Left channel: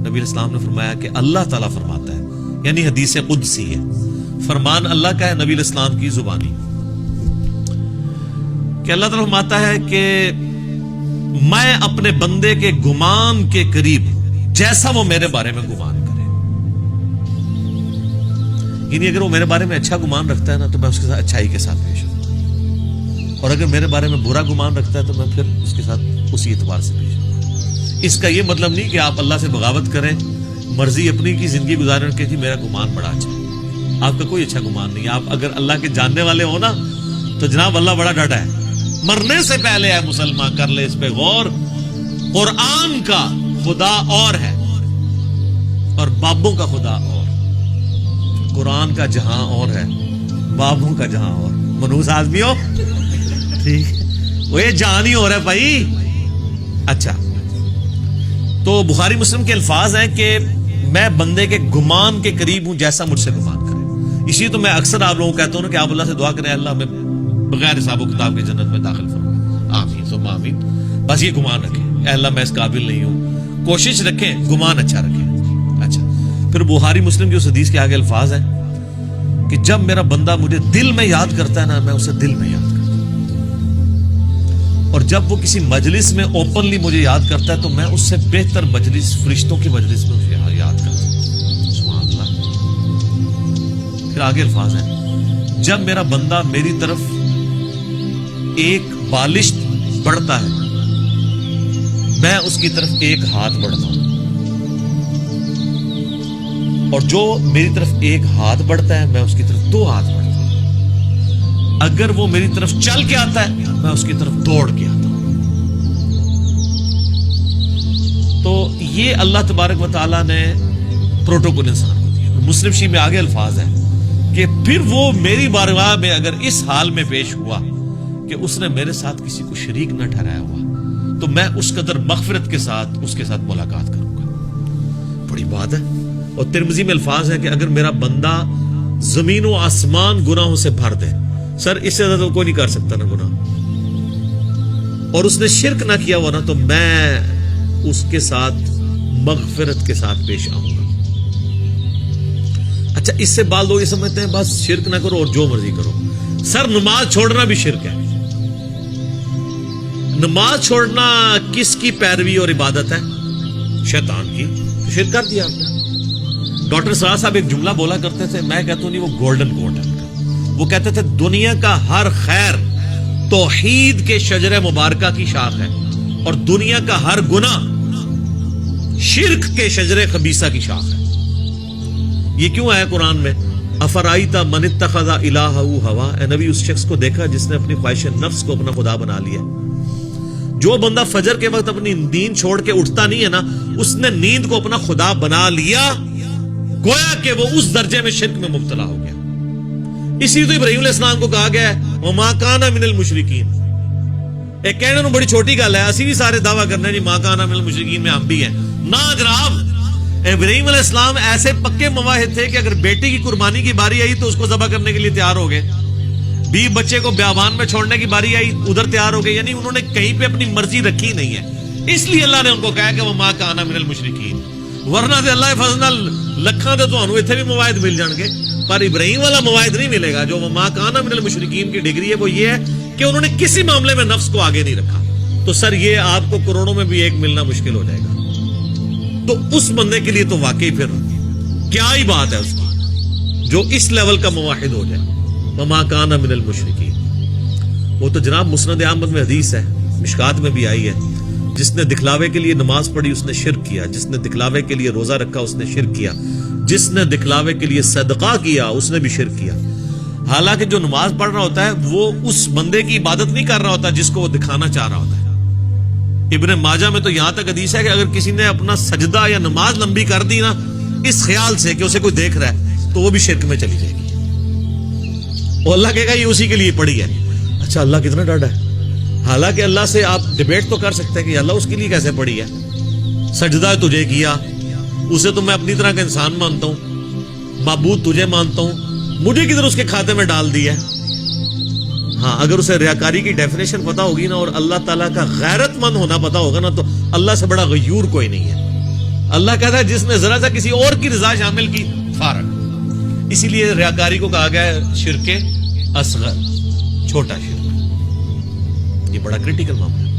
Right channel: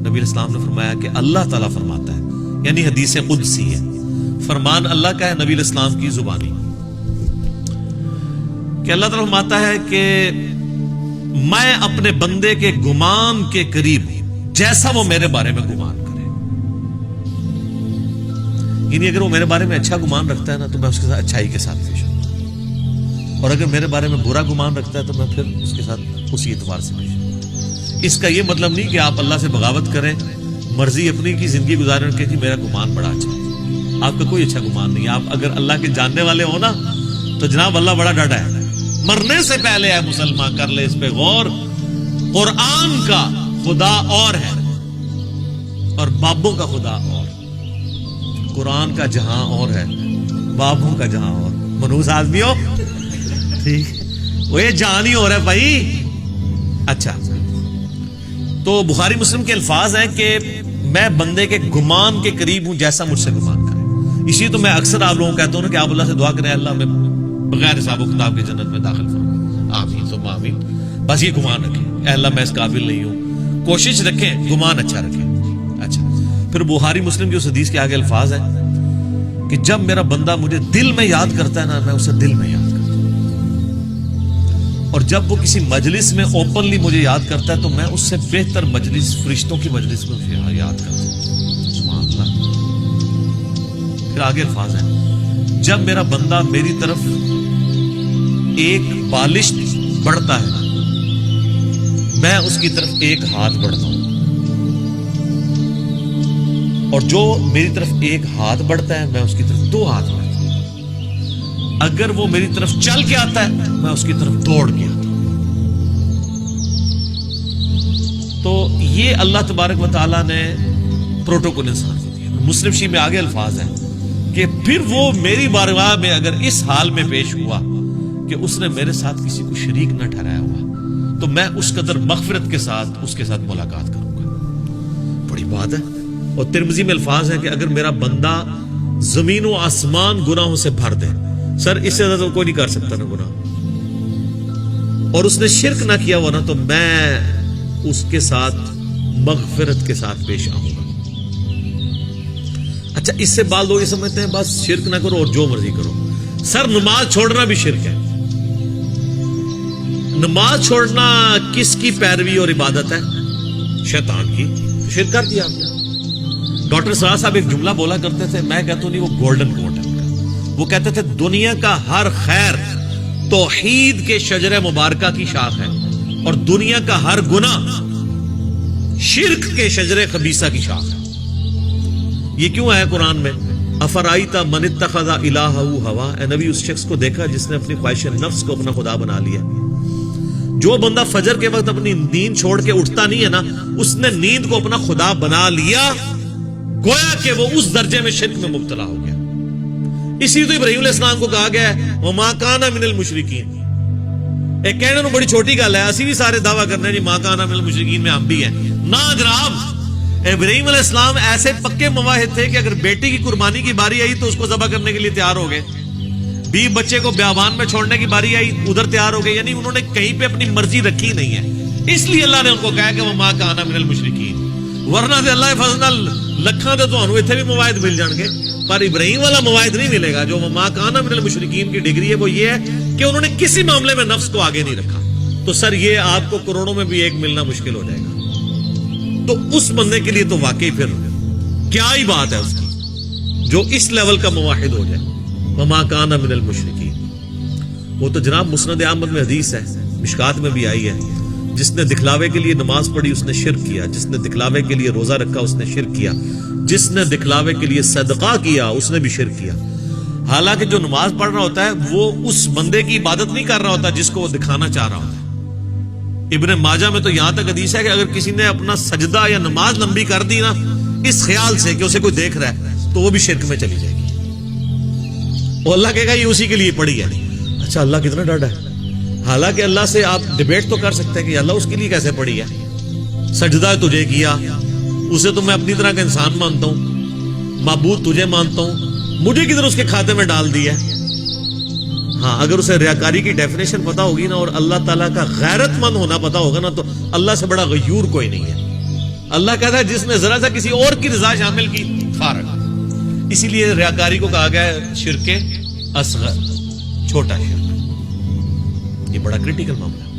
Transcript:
نبی علیہ السلام نے فرمایا کہ اللہ تعالیٰ فرماتا ہے، یعنی حدیث قدسی ہے، فرمان اللہ کا ہے نبی علیہ السلام کی زبانی، کہ اللہ تعالیٰ فرماتا ہے کہ میں اپنے بندے کے گمان کے قریب ہوں جیسا وہ میرے بارے میں گمان کرے. یعنی اگر وہ میرے بارے میں اچھا گمان رکھتا ہے نا تو میں اس کے ساتھ اچھائی کے ساتھ پیش ہوں، اور اگر میرے بارے میں برا گمان رکھتا ہے تو میں پھر اس کے ساتھ اسی اعتبار سے پیش ہوں. اس کا یہ مطلب نہیں کہ آپ اللہ سے بغاوت کریں، مرضی اپنی کی زندگی گزاریں کہ جی میرا گمان بڑا اچھا ہے. آپ کا کوئی اچھا گمان نہیں. آپ اگر اللہ کے جاننے والے ہو نا تو جناب اللہ بڑا ڈاڈا ہے. مرنے سے پہلے ہے مسلمان، کر لے اس پہ غور. قرآن کا خدا اور ہے اور بابوں کا خدا اور. قرآن کا جہاں اور ہے، بابوں کا جہاں اور. منوس آدمی ہو ٹھیک، وہ یہ جہاں ہی ہو رہا ہے بھائی. اچھا، تو بخاری مسلم کے الفاظ ہیں کہ میں بندے کے گمان کے قریب ہوں جیسا مجھ سے گمان کرے. اسی تو میں اکثر آپ لوگوں کو کہتا ہوں نا کہ آپ اللہ سے دعا کریں اللہ میں بغیر حساب و کتاب کی جنت میں داخل فرما. آمین ثم آمین. بس یہ گمان رکھیں اے اللہ میں اس قابل نہیں ہوں. کوشش رکھیں گمان اچھا رکھیں. اچھا، پھر بخاری مسلم کی اس حدیث کے آگے الفاظ ہیں کہ جب میرا بندہ مجھے دل میں یاد کرتا ہے نا میں اسے دل میں یاد کرتا ہوں، اور جب وہ کسی مجلس میں اوپنلی مجھے یاد کرتا ہے تو میں اس سے بہتر مجلس فرشتوں کی مجلس میں اسے یاد کرتا ہوں. سبحان اللہ. پھر آگے الفاظ ہیں جب میرا بندہ میری طرف ایک بالشت بڑھتا ہے میں اس کی طرف ایک ہاتھ بڑھتا ہوں، اور جو میری طرف ایک ہاتھ بڑھتا ہے میں اس کی طرف دو ہاتھ بڑھتا ہوں. اگر وہ میری طرف چل کے آتا ہے میں اس کی طرف دوڑ کے آتا ہوں. تو یہ اللہ تبارک و تعالیٰ نے پروٹوکول انسان کو دیا. مسلم شریف میں آگے الفاظ ہیں کہ پھر وہ میری بارگاہ میں اگر اس حال میں پیش ہوا کہ اس نے میرے ساتھ کسی کو شریک نہ ٹھہرایا ہوا تو میں اس قدر مغفرت کے ساتھ اس کے ساتھ ملاقات کروں گا. بڑی بات ہے. اور ترمذی میں الفاظ ہیں کہ اگر میرا بندہ زمین و آسمان گناہوں سے بھر دے، سر اس سے زیادہ کوئی نہیں کر سکتا نا گناہ، اور اس نے شرک نہ کیا ہوا نا تو میں اس کے ساتھ مغفرت کے ساتھ پیش آؤں گا. اچھا، اس سے بعض لوگ یہ سمجھتے ہیں بس شرک نہ کرو اور جو مرضی کرو. سر نماز چھوڑنا بھی شرک ہے. نماز چھوڑنا کس کی پیروی اور عبادت ہے؟ شیطان کی. شرک کر دیا آپ نے. ڈاکٹر سرار صاحب ایک جملہ بولا کرتے تھے، میں کہتا ہوں نہیں، وہ گولڈن کوٹ ہے ان کا. وہ کہتے تھے دنیا کا ہر خیر توحید کے شجر مبارکہ کی شاخ ہے، اور دنیا کا ہر گناہ شرک کے شجر خبیثہ کی شاخ ہے. یہ کیوں آیا قرآن میں؟ افرائیت من اتخذ الہہ ہوا. اے نبی اس شخص کو دیکھا جس نے اپنی خواہش نفس کو اپنا خدا بنا لیا. جو بندہ فجر کے وقت اپنی نیند چھوڑ کے اٹھتا نہیں ہے نا، اس نے نیند کو اپنا خدا بنا لیا، گویا کہ وہ اس درجے میں شرک میں مبتلا ہو گیا. اسی تو ابراہیم علیہ السلام کو کہا گیا ہے وَمَا كَانَ مِنَ الْمُشْرِكِينَ. ایک کہنے بڑی چھوٹی گل ہے، اسی بھی سارے دعویٰ کرنے جی مَا كَانَ مِنَ الْمُشْرِكِينَ میں ہم بھی ہیں. نہ جناب، ابراہیم علیہ السلام ایسے پکے مواحد تھے کہ اگر بیٹی کی قربانی کی باری آئی تو اس کو ذبح کرنے کے لیے تیار ہو گئے. بچے کو بیابان میں چھوڑنے کی باری آئی ادھر تیار ہو گئے. یعنی انہوں نے کہیں پہ اپنی مرضی رکھی نہیں ہے. اس لیے اللہ نے ان کو کہا کہ وَمَا كَانَ مِنَ الْمُشْرِكِينَ. ورنہ سے اللہ فضل لکھاں تو تمہیں اتنے بھی مواعد مل جان گے، پر ابراہیم والا مواعد نہیں ملے گا. جو وَمَا كَانَ مِنَ الْمُشْرِكِينَ کی ڈگری ہے وہ یہ ہے کہ انہوں نے کسی معاملے میں نفس کو آگے نہیں رکھا. تو سر یہ آپ کو کروڑوں میں بھی ایک ملنا مشکل ہو جائے گا. تو اس بندے کے لیے تو واقعی پھر کیا ہی بات ہے اس کی جو اس لیول کا مواحد ہو جائے. وَمَا كَانَ مِنَ الْمُشْرِكِينَ. وہ تو جناب مسند احمد میں حدیث ہے، مشکات میں بھی آئی ہے، جس نے دکھلاوے کے لیے نماز پڑھی اس نے شرک کیا، جس نے دکھلاوے کے لیے روزہ رکھا اس نے شرک کیا، جس نے دکھلاوے کے لیے صدقہ کیا اس نے بھی شرک کیا. حالانکہ جو نماز پڑھ رہا ہوتا ہے وہ اس بندے کی عبادت نہیں کر رہا ہوتا جس کو وہ دکھانا چاہ رہا ہوتا ہے. ابن ماجہ میں تو یہاں تک حدیث ہے کہ اگر کسی نے اپنا سجدہ یا نماز لمبی کر دی نا اس خیال سے کہ اسے کوئی دیکھ رہا ہے تو وہ بھی شرک میں چلی جائے گی. اور اللہ کہے گا یہ اسی کے لیے پڑھی ہے. اچھا، اللہ کتنا ڈاڈا ہے. حالانکہ اللہ سے آپ ڈیبیٹ تو کر سکتے ہیں کہ اللہ اس کے لیے کیسے پڑھی ہے. سجدہ تجھے کیا، اسے تو میں اپنی طرح کا انسان مانتا ہوں، معبود تجھے مانتا ہوں، مجھے کدھر اس کے کھاتے میں ڈال دیا. ہاں، اگر اسے ریاکاری کی ڈیفینیشن پتا ہوگی نا اور اللہ تعالیٰ کا غیرت مند ہونا پتا ہوگا نا تو اللہ سے بڑا غیور کوئی نہیں ہے. اللہ کہتا ہے جس نے ذرا سا کسی اور کی رضا شامل کی فارغ. اسی لیے ریاکاری کو کہا گیا ہے شرک اصغر, چھوٹا شرک. یہ بڑا کریٹیکل معاملہ ہے.